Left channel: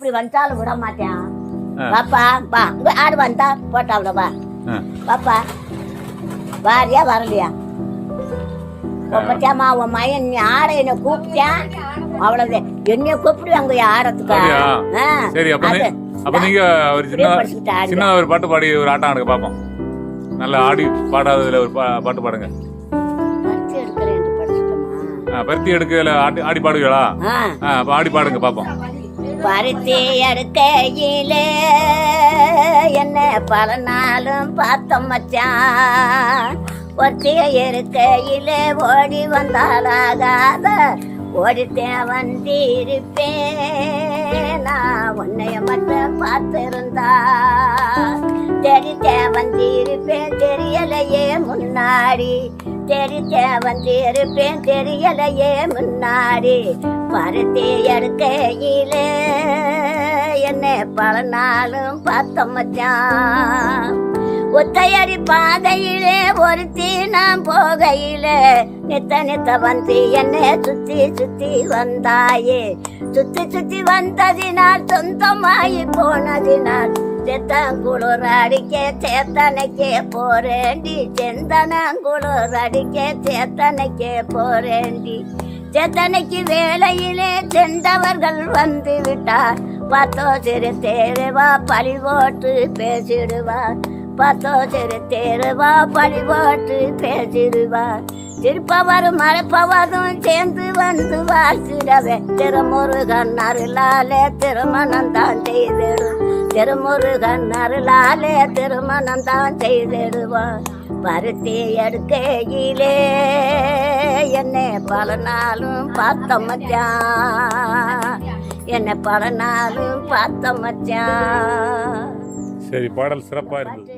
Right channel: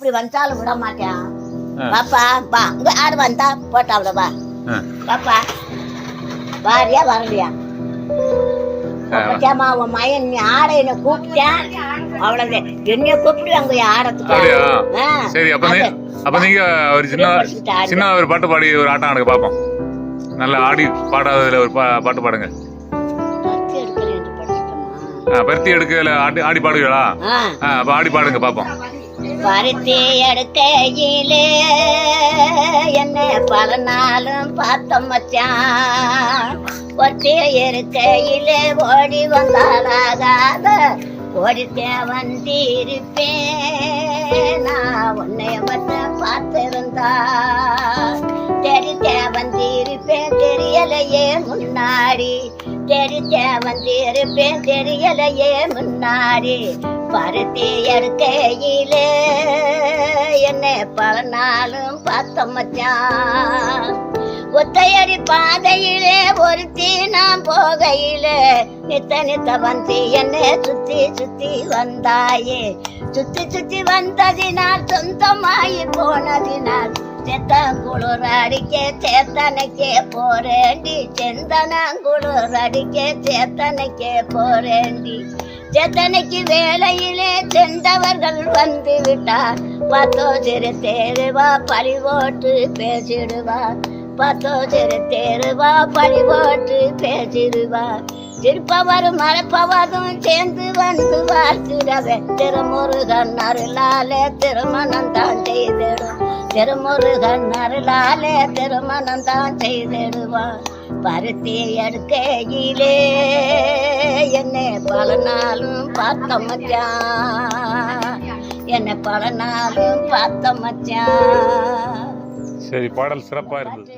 எப்படி வந்தாலும் விட மாட்டேன். பாப்பா வா. இங்க ஆடு வந்தா போட்டா அவ்வளோ வா. ஆ. பாப்பா வாரியா வரலையா. பத்தியாமா உன் மயன் நீ ஆட என்ன கூப்பிட்டேன் அவ்வளவு. என்னைய கூப்பிட்டு அங்க ஆடத்துக்கு. சரி அப்ப. அப்ப நீங்க ஒரு சின்ன. சின்ன ஒரு பாட்டு பாடி ஒரு ஆட்டம் ஆடுங்க பாப்போம் நல்லா ஆடி பாடாததுல ஒரு பாட்டு பாடுங்க. பருத்தி எடுக்கல ஆடி ஆடி ஆ, அப்ப ஆடி பாடுங்க பாப்போம் பருத்தி எடுக்கையிலே என்ன பல நாளும் பார்த்த மச்சான் ஒத்தி இருக்கையிலே ஓடி வந்தாலாகாத ஓடித்தேன் வந்திருப்பேன். நான் உன்னைய மட்டும் பார்த்திருந்தா. தெரித்தேன் வந்திருப்பேன் தெரியலையே முன்னாடி. தெரித்தேன் வந்திருப்பேன் தெரியலையே முன்னாடி. பருத்தி எடுக்கையிலே பல நாளும் பார்த்த ஒத்தையடி பாதையிலே ஒருத்தி நான் போகையிலே நித்த நித்த வந்து என்ன சுத்தி சுத்தி வந்தாயே. சுத்தி சுத்தி வந்ததினால் சொந்தமாயி போனதினால் செத்தங்குளூர் அடிக்க சேத்தனைக்கே போறேண்டி. செந்தனங்குளூர் அடிக்க சேத்தனைக்கே போறேண்டி. சேத்தனைக்கு வேலையிலே சென்றவர்கள் வந்து விட்டார். பத்தோ சிறு தேருவா பழி போட்டு பேசிடுவா. பத்தோ சிறு தேருவா பழி போட்டு பேசிடுவா. திருப்பவரும் மறைப்பவரும் சேர்ந்து வந்து வாழ்த்திடவே திருமுருகன் அருளாலே திருமணம் தான் செய்திடும். திருமுருகன் அருளாலே திருமணம் தான் செய்திடுவான். பருத்தி எடுக்கையிலே என்னை பல நாளும் பார்த்தமச்சான் என்னை பல நாளும் பார்த்த மச்சான். சரி பாடல் சிறப்பா இருந்தது.